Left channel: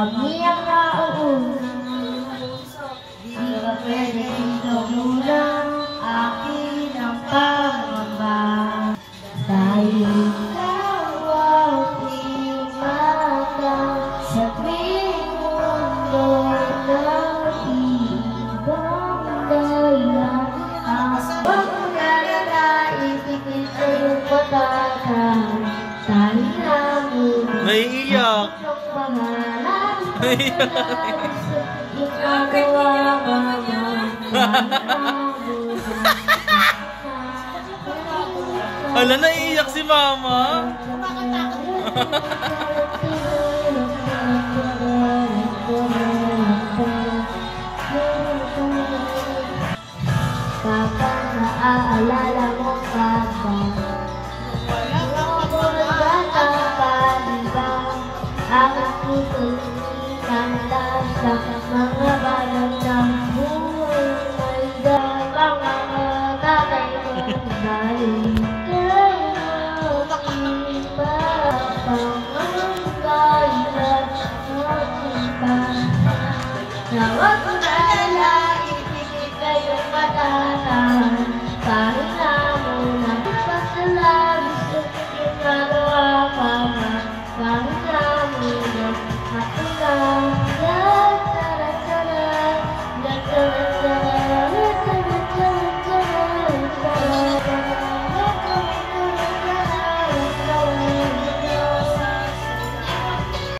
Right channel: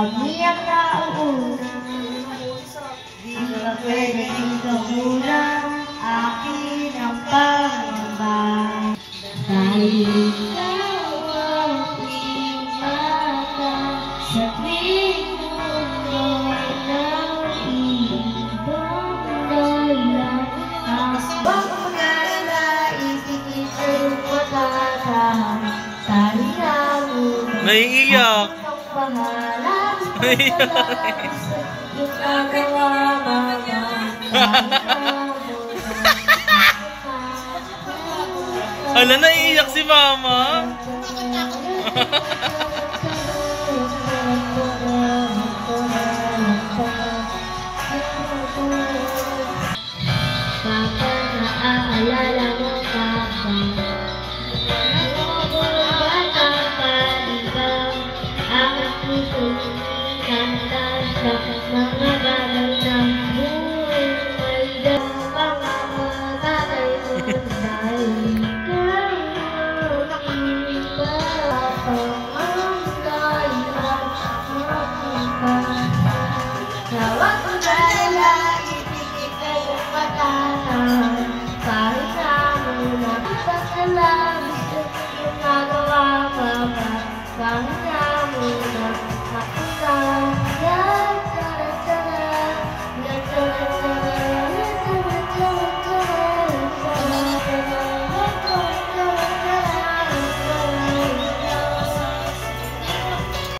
kami ang nauuna. Di ka pwedeng ikamulang akin ang pangamba. Dahil ikaw ang pinaka sa tuwing mundo'y nag-iibang dahilan. Ang pagkakalait ikito'y patatahan. Dahil ako naiiyak. Naiiyak. Hala, naiiyak si Mama. Kapag naaalala mo papa, bata pa diba, ang puso'y kanta sa mga balang ng buhay.